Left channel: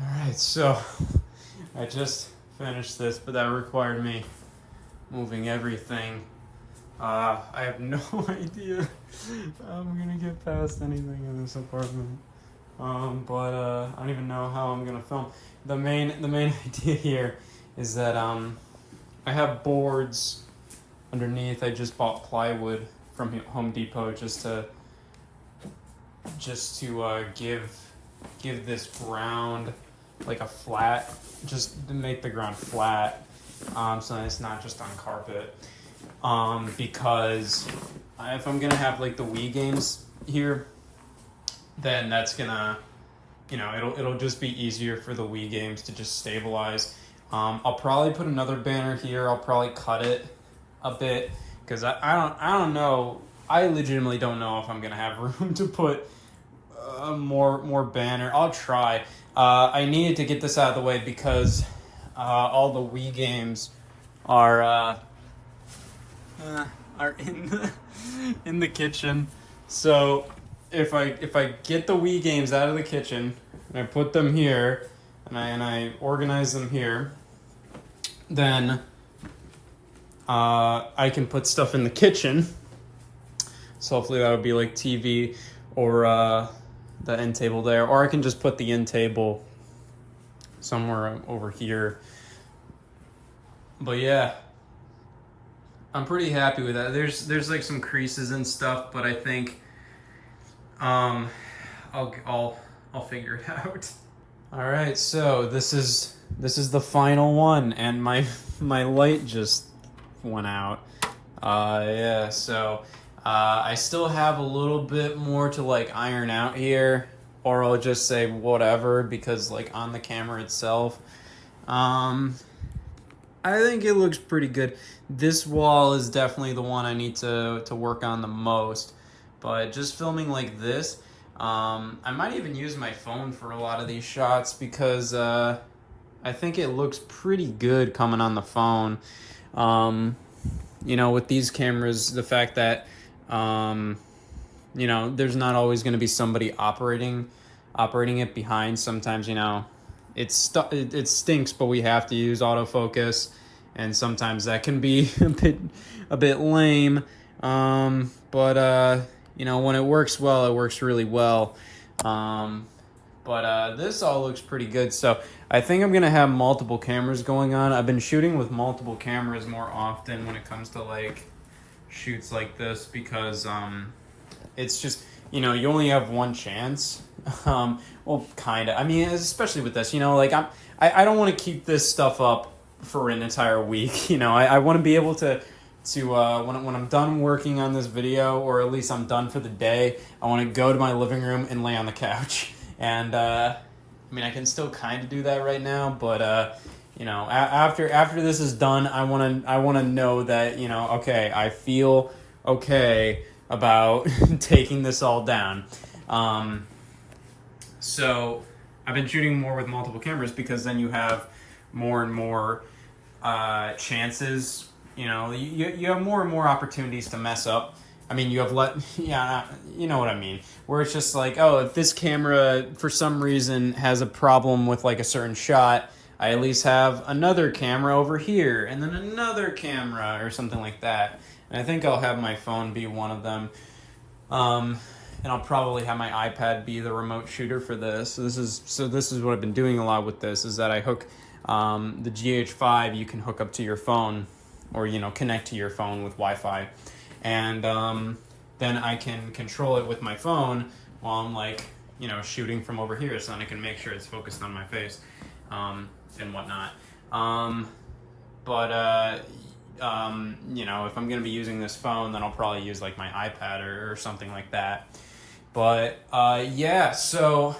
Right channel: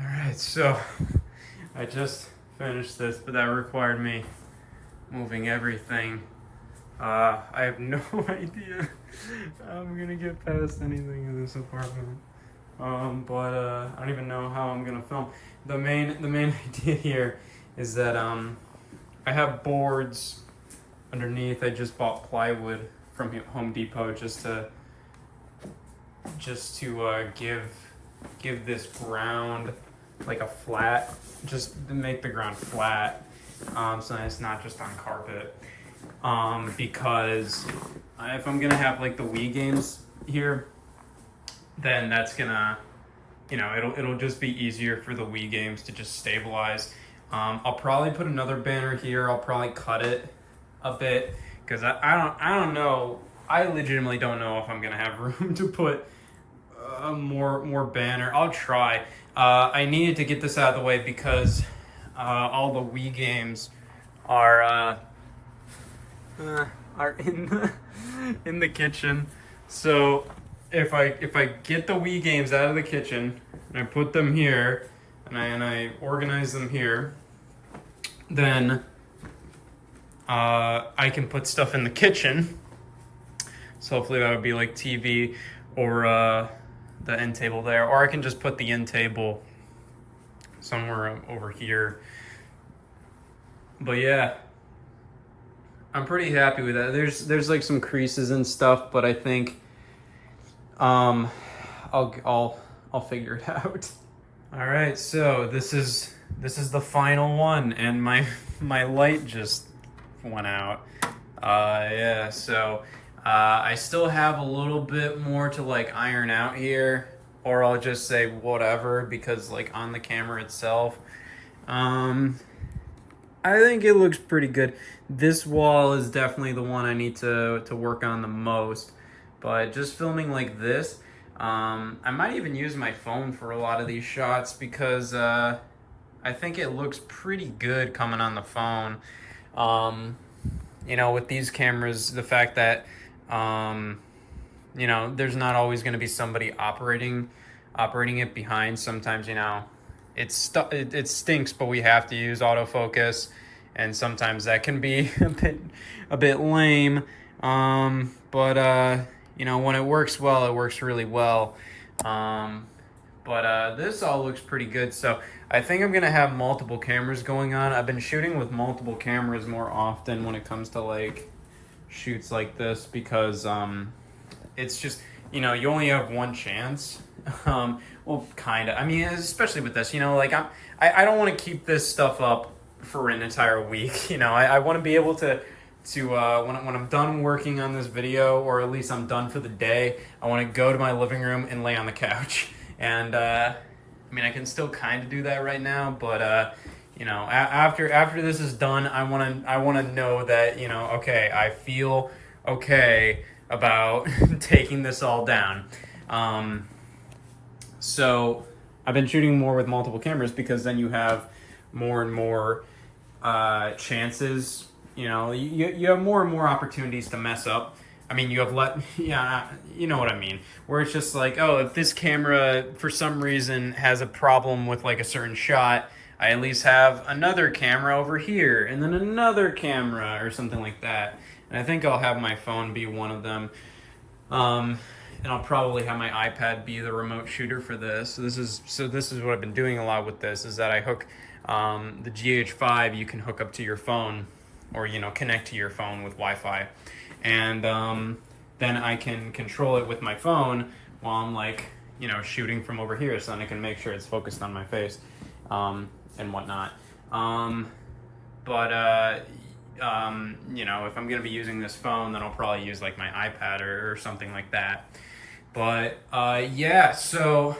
Alright, so I just finished this, but that required me moving everything. I have no idea how I'm gonna get past anything in this apartment. But I don't even know how I'm gonna film. The main idea here is that I have boards underneath. I just bought plywood from Home Depot just to give this ground like a flat, just to make the ground flat, so that it's not just on carpet. Because if I'm gonna have like the Wii games here, then that's gonna, it'll just be easier for the Wii games to just stabilize. I'll probably put another banner here. I'll probably cut it a bit because I don't know. I legitimately don't know if I'm gonna have room to put more banner. I'll try. I needed to get this out of the way because all the Wii games are in the kitchen. So if I get the Wii games out of the kitchen and I put them here and I organize them here, then I can put stuff in the kitchen. So hopefully that would be like TV or the end table there, or I can just put the end table somewhere over here. But yeah, I'm pretty happy with that. There's like some creases and stuff, but I think I'll figure it out. All right, so this is the final one, and my light just went out. Yeah, so I still have a little bit more to like iron out here, or I'll just say whatever, because like on the camera itself, I think it looks pretty good. This wall is definitely the one I need to work on the most, but just filming like this, I might even use my phone for a lot of these shots because I think it looks pretty good coming on the phone. With these cameras, the fact that there's not always going to be somebody operating it behind. Sometimes, it stinks, but we have to use autofocus, and sometimes that can be a bit lame. But when it works well, it works really well. But this all looks pretty good. So I think I'm gonna have multiple cameras going on. I've been shooting with multiple cameras more often when it comes to like shoots like this, because it's just, you only have one chance. Well, kind of. I mean, especially with this, I don't want to keep this stuff up for an entire week. I want to be able to when I'm done working on this video, or at least I'm done for the day, I want to go to my living room and lay on the couch. And I can still kind of do that right now, but after this is done, I want to know that, okay, I feel okay about taking this all down. So I've been shooting more with multiple cameras because then you have more and more chances. You have more and more opportunities to mess up. I mean, you have yeah, you know what I mean. Where it's just like, oh, if this camera for some reason has a problem with like a certain shot, I at least have another camera over here, and then another camera or something like that. And I think I'll have my phone be one of them. And I'll probably have my iPad be the remote shooter for this. So this is what I've been doing a lot with this, is that I hook the GH5 you can hook up to your phone, or connect to your phone with Wi-Fi, and then I can control it with my phone while I'm like shooting from over here, so then I can make sure it's focused on my face and whatnot. But if I'm gonna be using this phone, then I'll probably use like my iPad or something like that. But yeah, so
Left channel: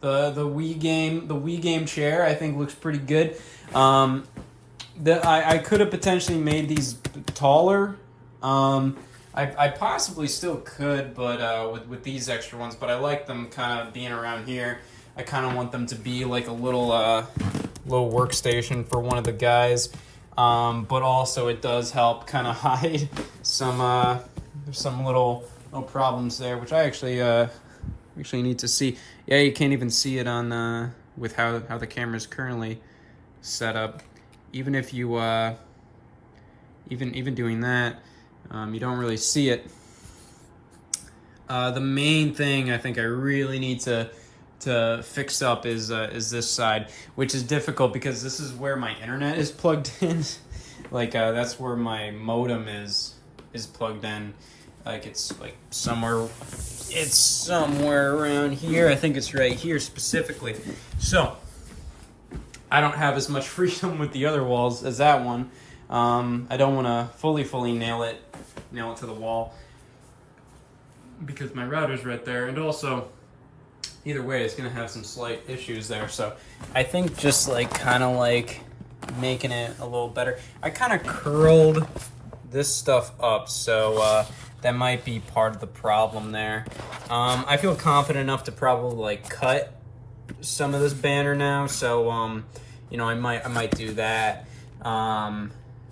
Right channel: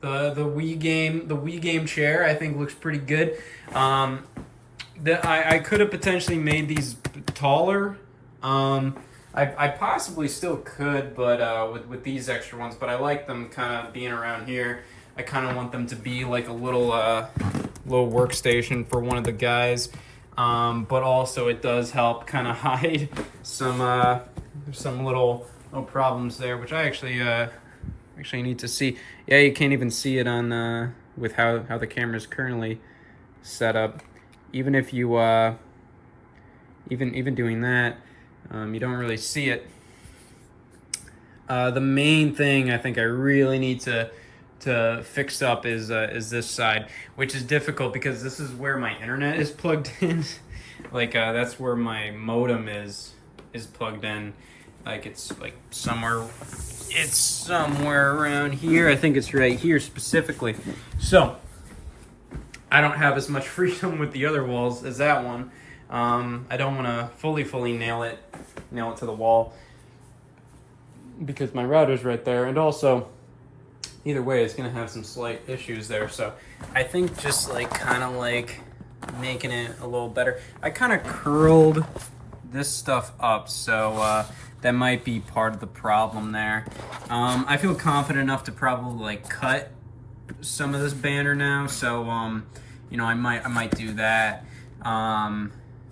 the Wii game chair I think looks pretty good. I could have potentially made these taller. I possibly still could, but with these extra ones. But I like them kind of being around here. I kind of want them to be like a little workstation for one of the guys. But also it does help kind of hide some little problems there, which I actually need to see. Yeah, you can't even see it on with how the camera is currently set up. Even if you even doing that, you don't really see it. The main thing I think I really need to fix up is this side, which is difficult because this is where my internet is plugged in. Like that's where my modem is plugged in. Like it's somewhere around here. I think it's right here specifically. So I don't have as much freedom with the other walls as that one. I don't want to fully nail it to the wall because my router's right there, and also either way it's gonna have some slight issues there. So I think just kind of making it a little better. I kind of curled this stuff up, so that might be part of the problem there. I feel confident enough to probably cut some of this banner now, so I might do that.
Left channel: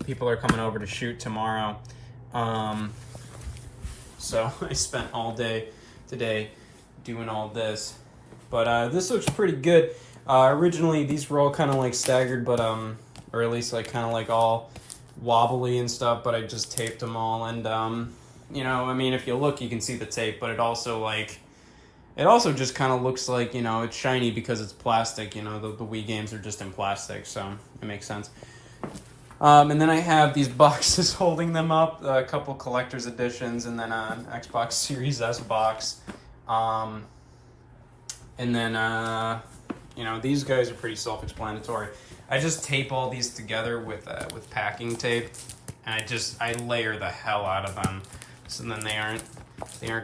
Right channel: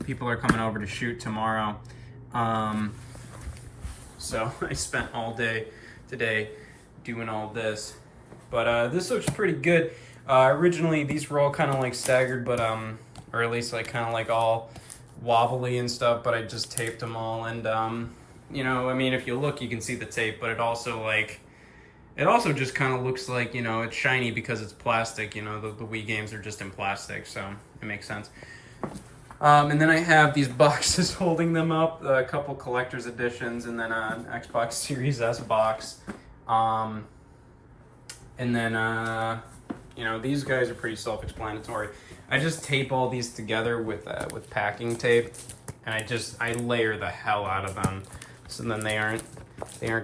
People are coming over to shoot tomorrow, so I spent all day today doing all this, but this looks pretty good. Originally these were all kind of staggered, but or at least kind of all wobbly and stuff, but I just taped them all, and I mean, if you look you can see the tape, but it also just kind of looks like, it's shiny because it's plastic. The Wii games are just in plastic, so it makes sense. And then I have these boxes holding them up, a couple collector's editions, and then an Xbox Series S box. And then, these guys are pretty self-explanatory. I just tape all these together with packing tape, and I layer the hell out of them, so then they aren't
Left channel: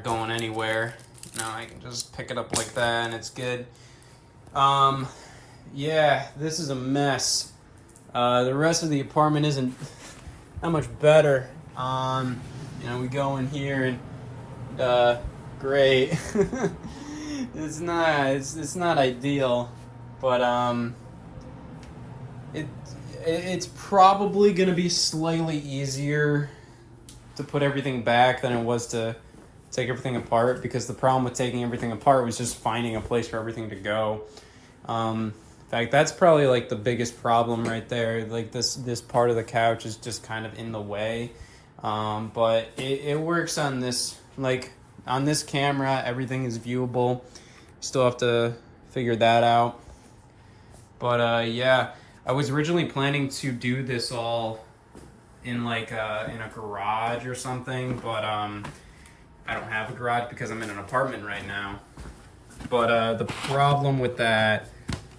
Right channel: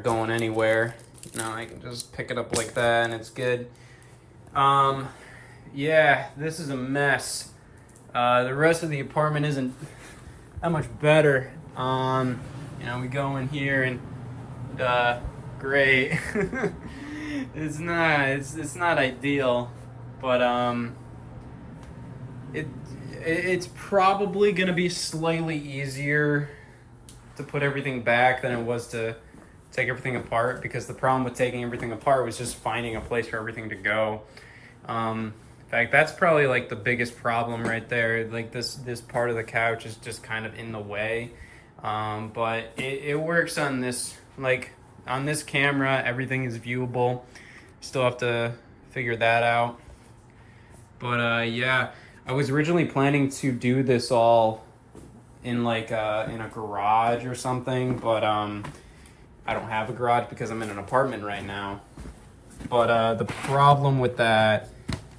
going anywhere. I can just pick it up like that, and it's good. Yeah, this is a mess. The rest of the apartment isn't that much better. We go in here and great. It's not ideal, but it's probably gonna be slightly easier to put everything back than it was to take everything apart, because the problem with taking everything apart was just finding a place for everything to go. In fact, that's probably the biggest problem right there. This part of the couch is just kind of in the way, but it works on this. On this camera, everything is viewable. Still have to figure that out. But yeah, I was originally planning to do this all in in a garage or something, but I don't have a garage because I'm in an apartment right now. But the problem with that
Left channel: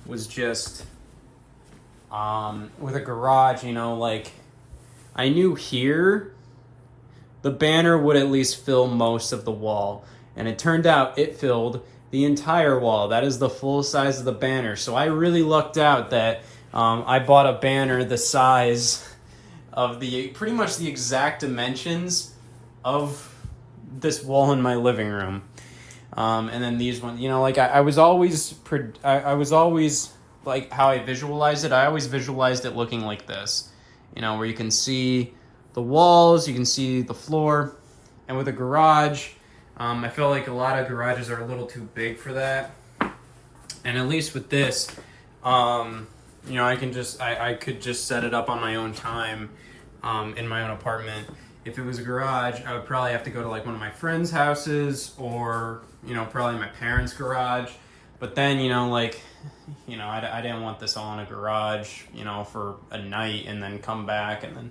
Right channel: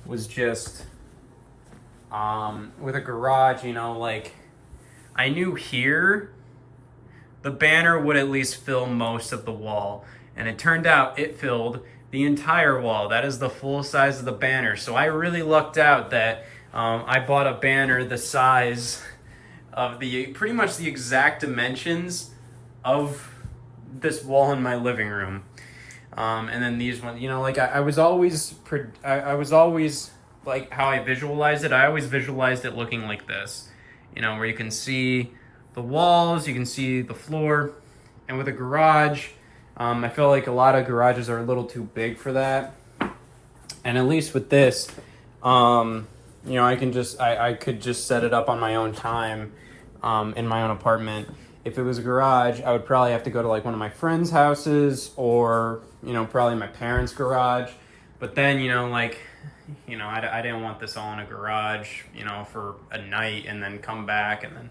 was just with a garage, I knew here the banner would at least fill most of the wall, and it turned out it filled the entire wall. That is the full size of the banner. So I really lucked out that I bought a banner the size of pretty much the exact dimensions of this wall in my living room. And then these ones, I was always how I visualized it. I always visualized it looking like this, where you can see the walls, you can see the floor. And with a garage, I feel like a lot of garages are a little too big for that. And at least with this, I could just set it up on my own time, in my own apartment. If it was a garage, I would probably have to go to one of my friends' houses, or probably my parents' garage. But then I didn't want this all in a garage, for a night and then come back and then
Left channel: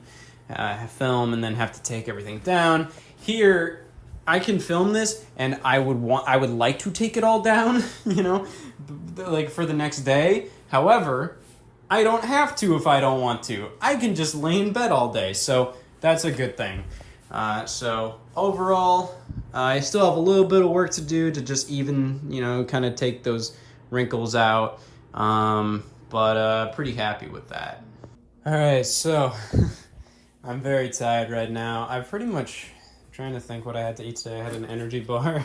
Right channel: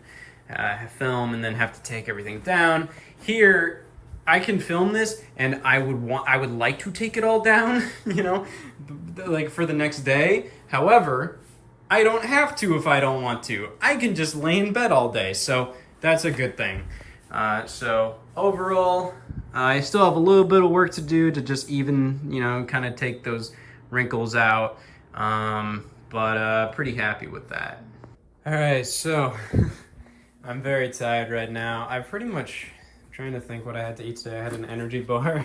film and then have to take everything down. Here, I can film this, and I would like to take it all down, for the next day. However, I don't have to if I don't want to. I can just lay in bed all day, so that's a good thing. So overall, I still have a little bit of work to do to just even, kind of take those wrinkles out, but pretty happy with that. All right, so I'm very tired right now. I'm trying to think what I had to eat today. I had an energy bar,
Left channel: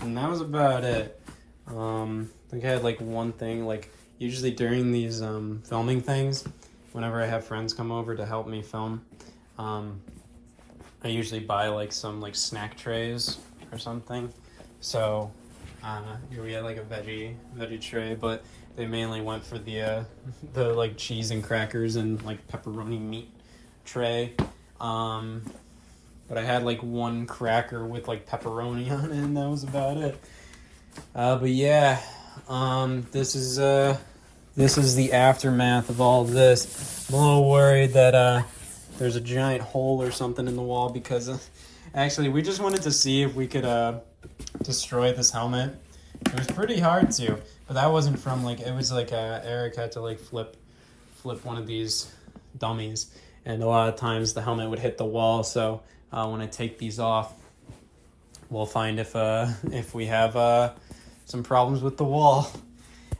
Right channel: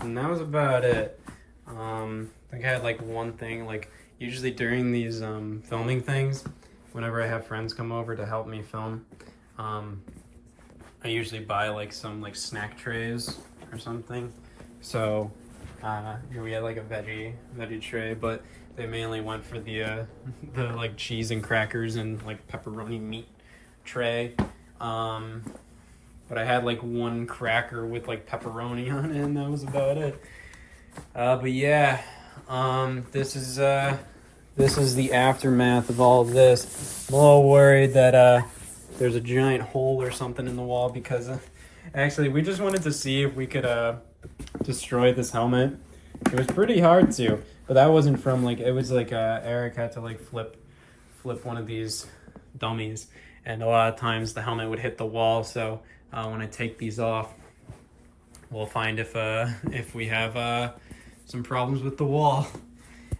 and that was about it. I think I had one thing. Usually during these filming things, whenever I have friends come over to help me film, I usually buy some snack trays or something. So here we had a veggie tray, but they mainly went for the like cheese and crackers and like pepperoni meat tray. But I had like one cracker with like pepperoni on it, and that was about it. But yeah, this is the aftermath of all of this. I'm a little worried that there's a giant hole or something in the wall because actually we just wanted to see if we could destroy this helmet. It was pretty hard to, but that wasn't from like, it was like Eric had to like flip one of these dummies, and a lot of times the helmet would hit the wall. So when I take these off, we'll find if we have some problems with the wall.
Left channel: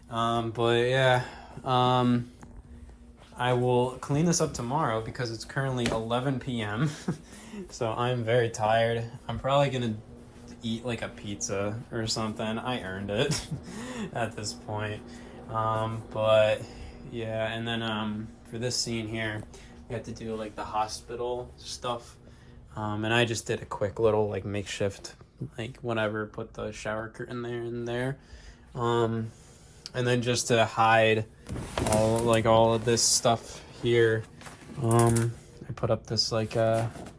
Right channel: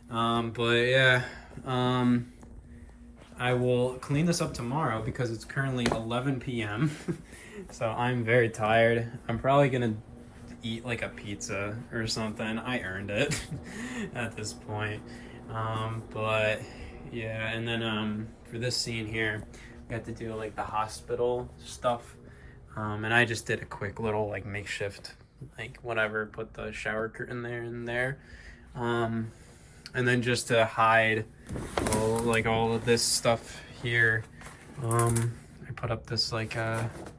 But yeah, I will clean this up tomorrow because it's currently 11 p.m. So I'm very tired. I'm probably gonna eat like a pizza or something. I earned it at this point. But yeah, and then for this scene here, we have to do like the hospital stuff. And I just did a quick little like makeshift, like whatever, put the shower curtain there and there. And then just to hide all of this stuff here, I put up this like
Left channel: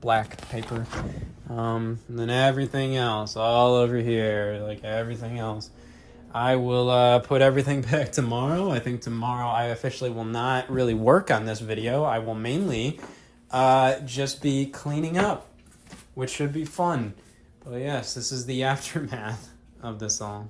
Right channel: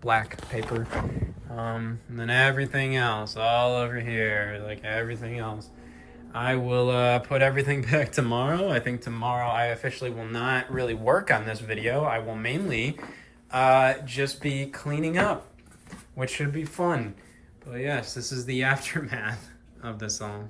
black paper. And then everything else all over here, like everything else. I will put everything back tomorrow. I think tomorrow I officially will not really work on this video. I will mainly just be cleaning up, which should be fun. But yes, this is the aftermath of this all.